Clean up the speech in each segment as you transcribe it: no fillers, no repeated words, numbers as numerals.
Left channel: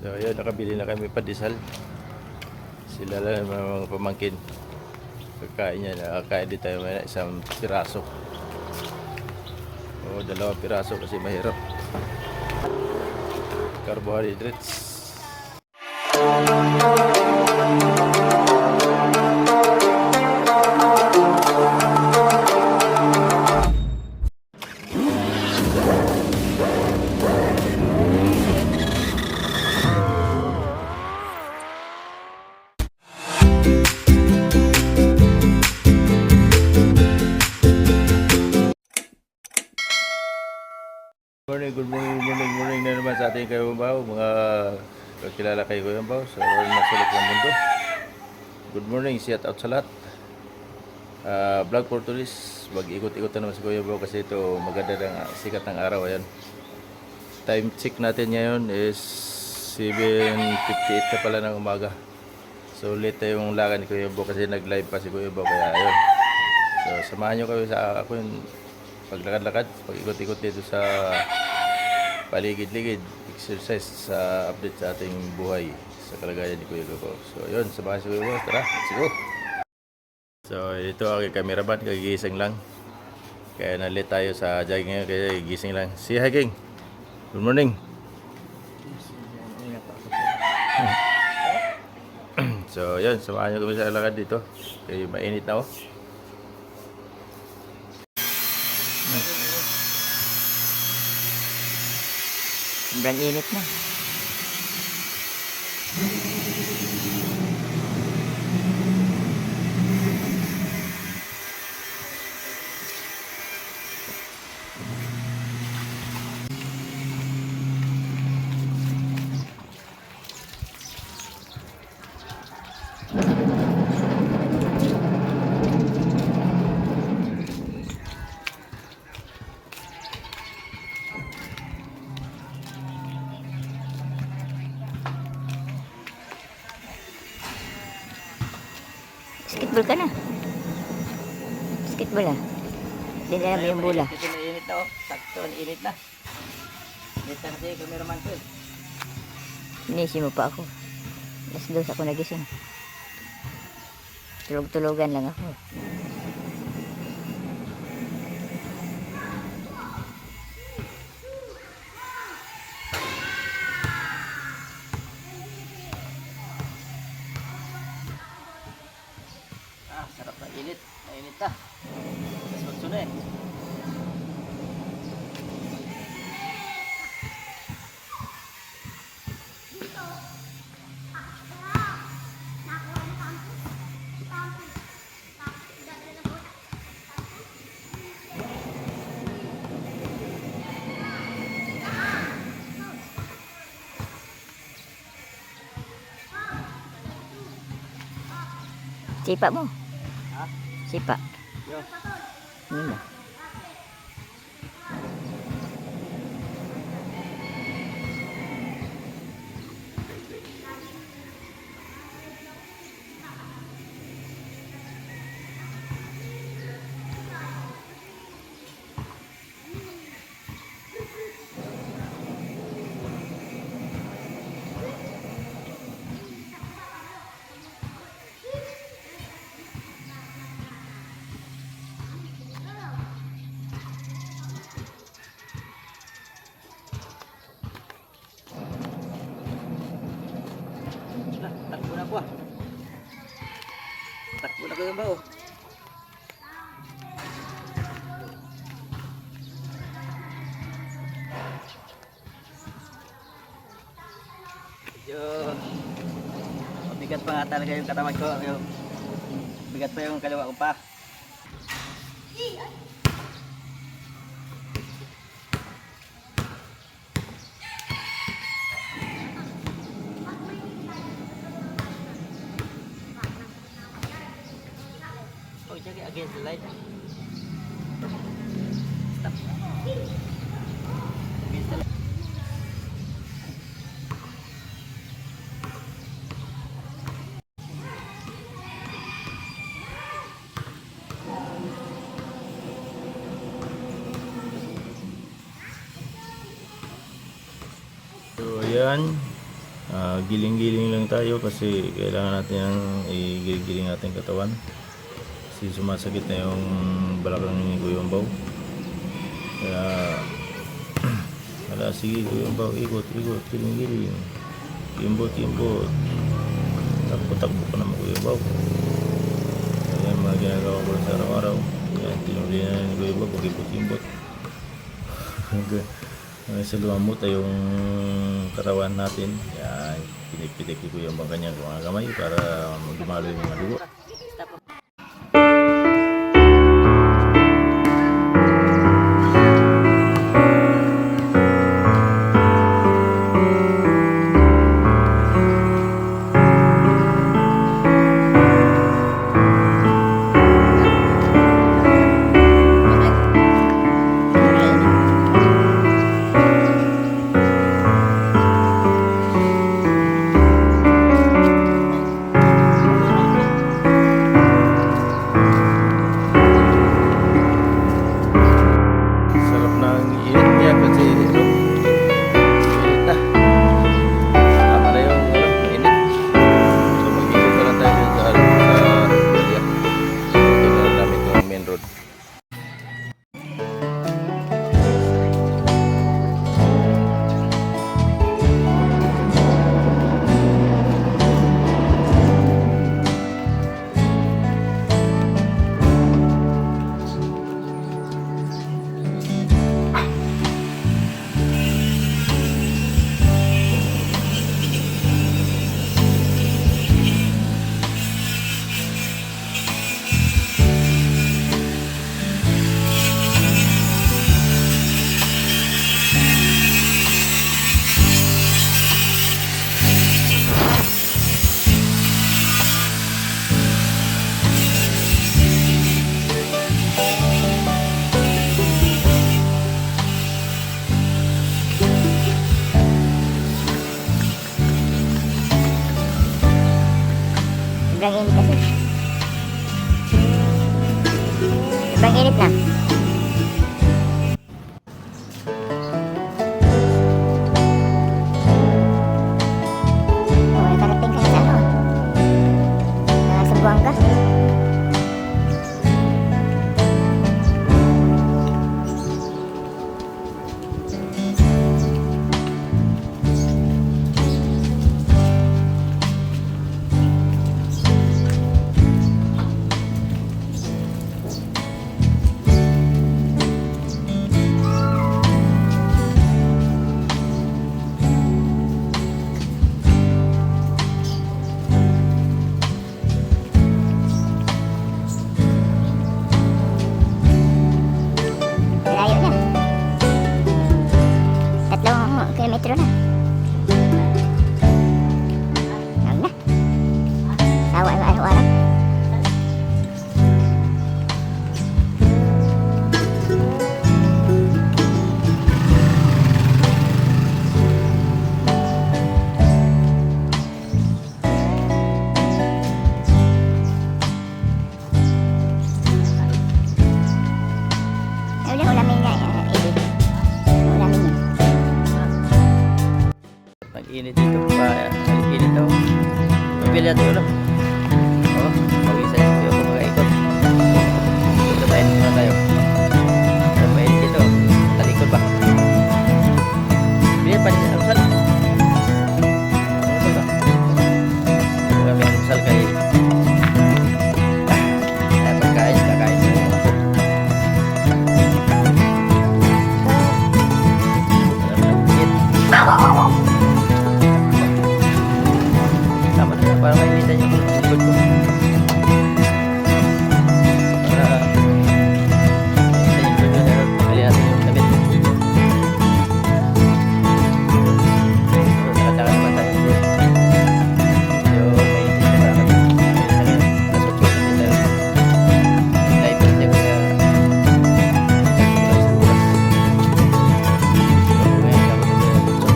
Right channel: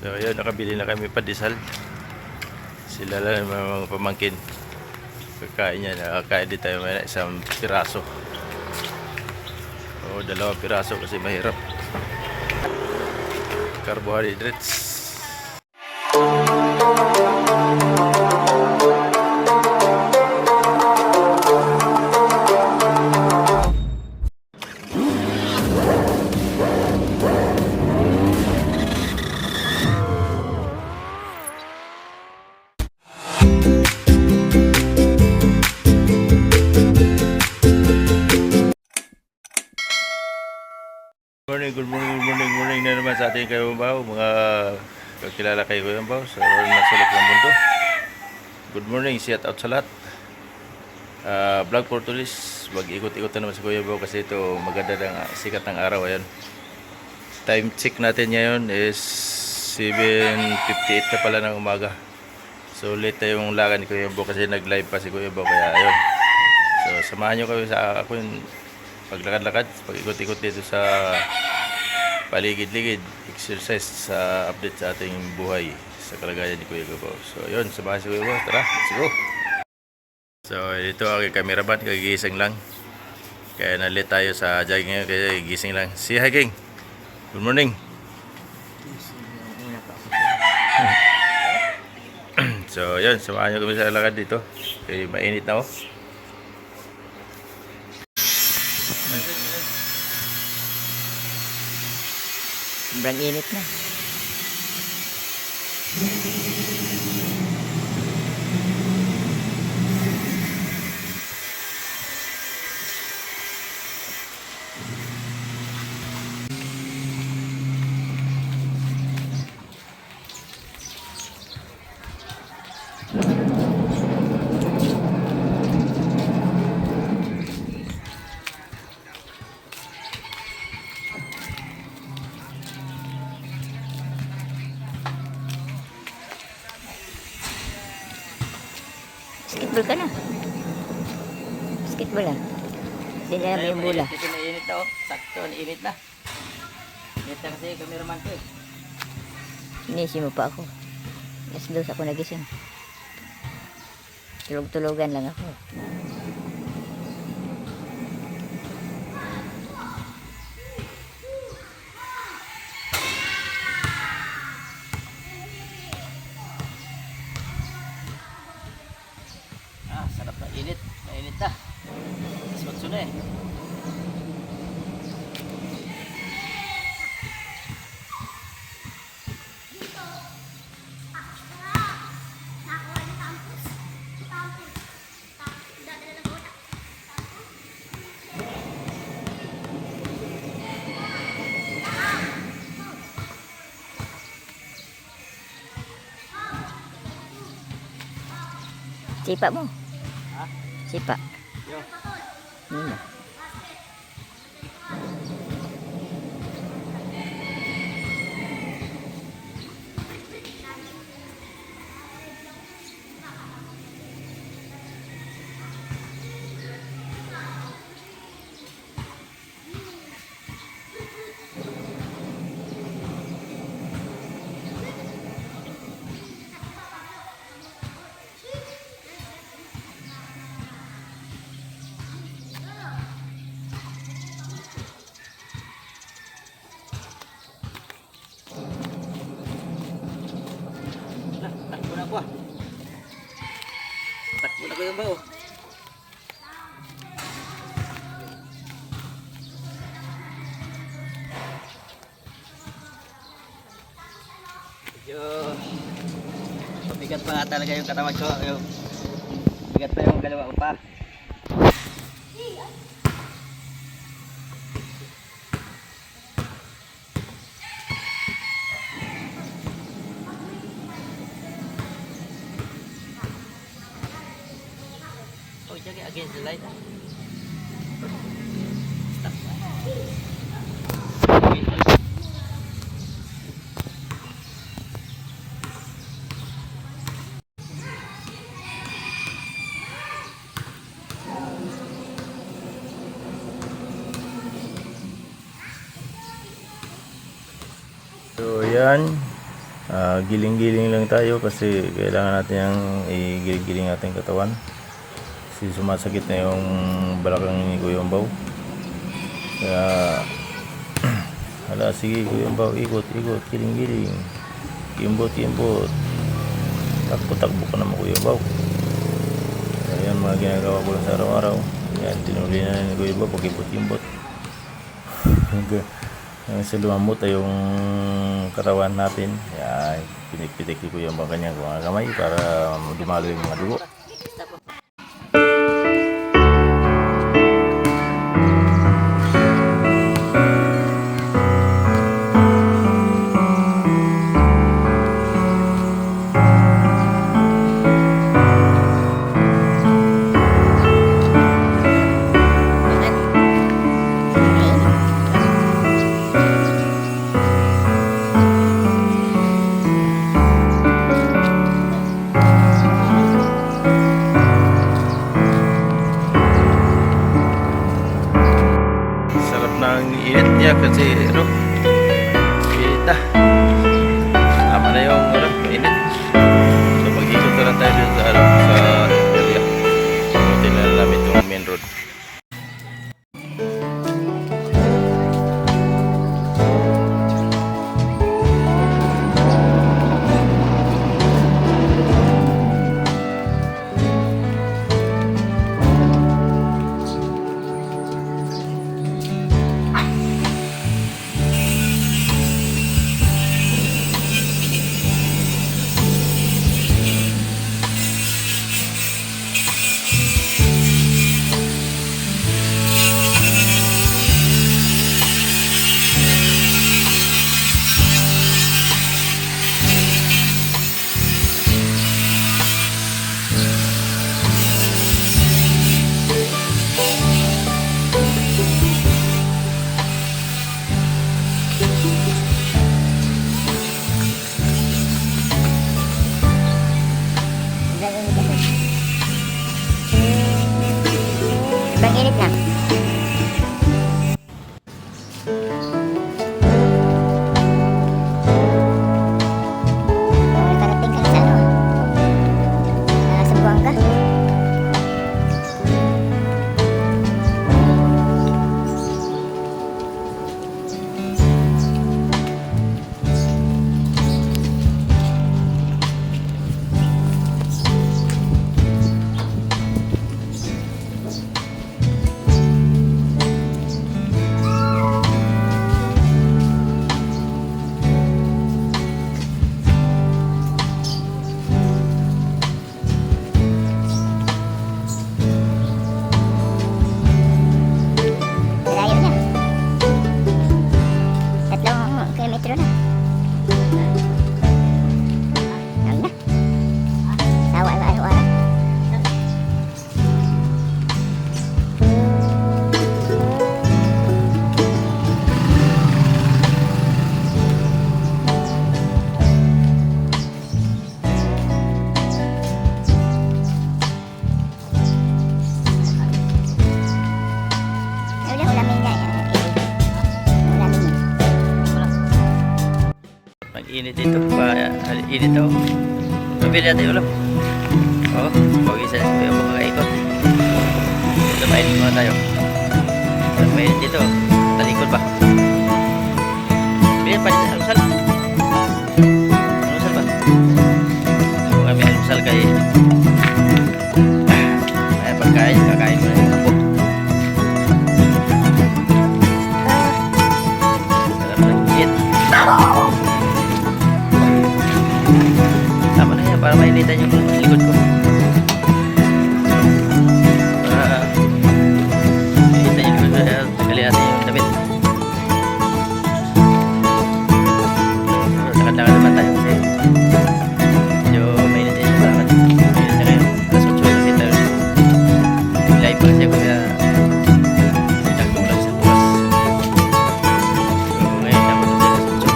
So ayun, nakabili na kami pandesal. Sila lang yung mga pamangkin. Kakain niya, nakakain din tayo may isang piraso. O dalawang piraso kasi mahirap. Carbohydrates. Good morning na naman sa ating kayumbaw, mga kakilala kay kayumbaw sa nasulok ng mundo. Good morning, shout out sa lahat. Vlog for tourists, mag-ikot-ikot na naman sa kayumbaw kasi ito maganda ng sikat ng araw. Ayan. Time check natin ngayon is 7:58 na pala ng umaga. So late na yung lakad ni kayumbaw kasi nag-live pa si kayumbaw, kaya ayun. So samahan nyo kami sa ako yung paglakad-lakad, pag-ikot-ikot dito sa paligid-ligid, exercise sa update sa ating buhay sa kalagayan ni Kuya Gabaw. So yun, samahan si Kuya Gabaw, tara, let's go. So ito ang cameraman, kagigising lang, kaya nalit tayo sa jogging ngayon, kaya gising lang. Si Hiking, good morning. So yun, samahan nyo kami sa lakad dito, kaya mainit na. Sobrang init na. Basketball ka na. Basketball ah. Sila mo yung bola. Kasi mainit na oh. Sakto, init na. Init na kasi yung cameraman ko eh. Inisi mo pa ako. Alas 2 ako nagising. Tulog-tulogan lang ako. Sarap na init. Mainit na. Tapos magso na eh. Sipa mo. Ha? Sipa. Yo. Nila. Takbo na ako ah. Takbo na ko yung bao. Medyo mabigat pa nga talaga yung katawan ko. Yung bigat pa yung kaliwa ko pa. Oh, jagi against the light. Stop. So yan, Giling-giling lang tayo kasi kailangan natin yung igiling-giling ating katawan. Kasi sumasakit na yung balakang ni Kuya Baw. Kaya hala, sige Kuya Baw, ikot, giling-giling. Kimbot. Takbo ka naman Kuya Baw. So, yan mga ginagawa ko lang sa araw-araw. Yan, tinuli na ni Kuya Baw, pag-ibot-imbot. Sa lumamot ay yung katawan natin. Yan, pinik-pitik ko yung kanyang mga kamay para dumalo yung mga dugo. Sarap ng init niya kasi init na. Tama na yung init. So mag-ikot na lang tayo dito sa area. Ikutin na namin itong main road. Sobrang init kasi. Sobrang init na. Oh, karating ka sa sa Buanga. Layo na. 3 kilometro na. Yan na. Sawa na araw-araw. Ulamin niya. Ulamin niya. Mag-init dito, init ako. Nabili natin ulam. Oo, pawisan na ako kakaikot. Dito mainit muna tayo. Mainit dito, talikod ba? Bili pa rin, almusal. Almusal ba? Kung kami almusal kay pagkain, kakain mo na yung apo. Sarap ng init. Tama na yan para mainitan yung likod ko. Para mainitan yung likod ko. Tanggalin natin yung damit. Lakad-lakad naman tayo kasi medyo mainit yung lakad. Mainit na kayo. Alas 8 kasi tayo dito. Live pa kasi ako kaya silang tumulang sa bukas. So ngayon dapat ito alas 8.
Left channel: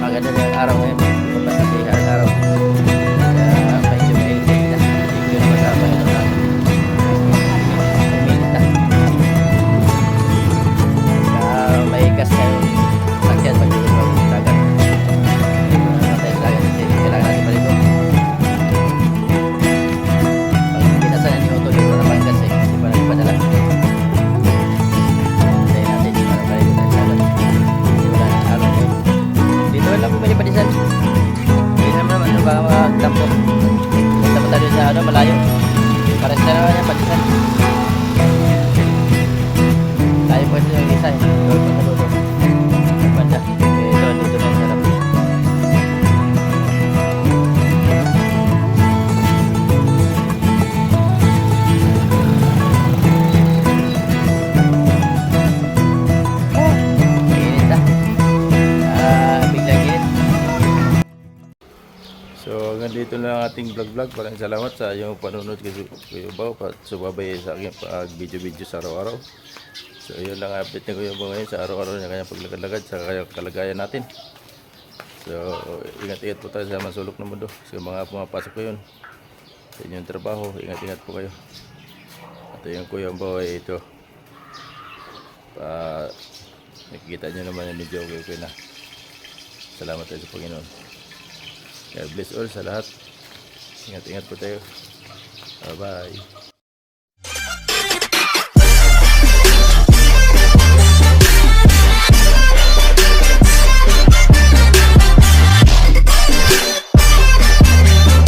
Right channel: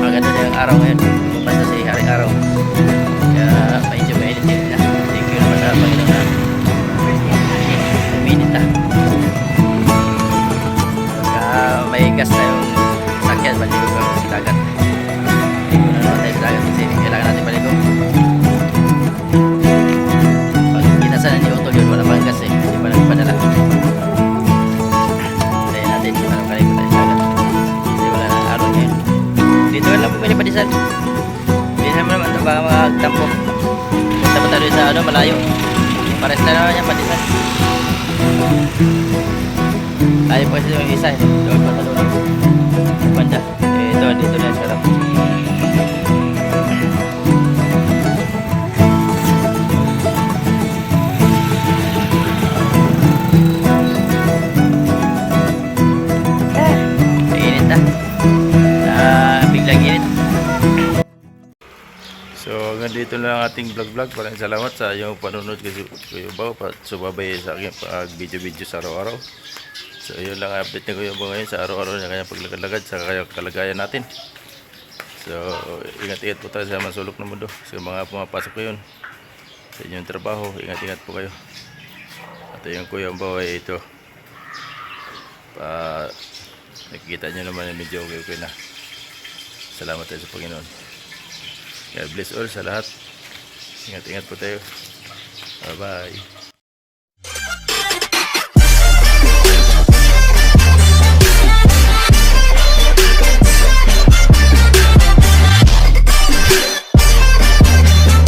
Maganda na yung araw ngayon. Lumabas na si hari-araw. Kaya medyo mainit-init na. Thank you naman sa Panginoon na uminit na. Pagka may gas na yung sakyan, maligo ka sa dagat. sana ni Otto yun, wala pang gas eh, kasi pa nagpadala. Tayo natin, parang kalikot tayo sa agad. Kasi wala na araw ngayon. Dito ka lang bumili pa diesel. Diesel mo naman ito, baka magtampo. Punta pa tayo sa ano, malayo. Pares na naman yan, patisan. Tayo pa kasi yung isa eh. Doon pa sa dulo. Yung banda. Eh, ito, dito na yung sarap. Mainit na. Biglang init. So hanggang dito na ang ating vlog. Maraming salamat sa iyong panunod kasi Kuya Bao at sumabay sa aking pag-video sa araw-araw. So yun lang ang update ni Kuya Bao ngayon sa araw-araw niya kanyang paglagad sa kanyang kalagayan natin. So ingat-ingat po tayo sa masulok ng mundo. Sa mga pumapasok ko yun sa inyong trabaho, ingat-ingat po kayo. At yung Kuya Bao ay ito. Nakikita nyo naman na medyo okay na. Salamat tayo sa Panginoon. God bless all sa lahat. Ingat-ingat po tayo. Bye-bye.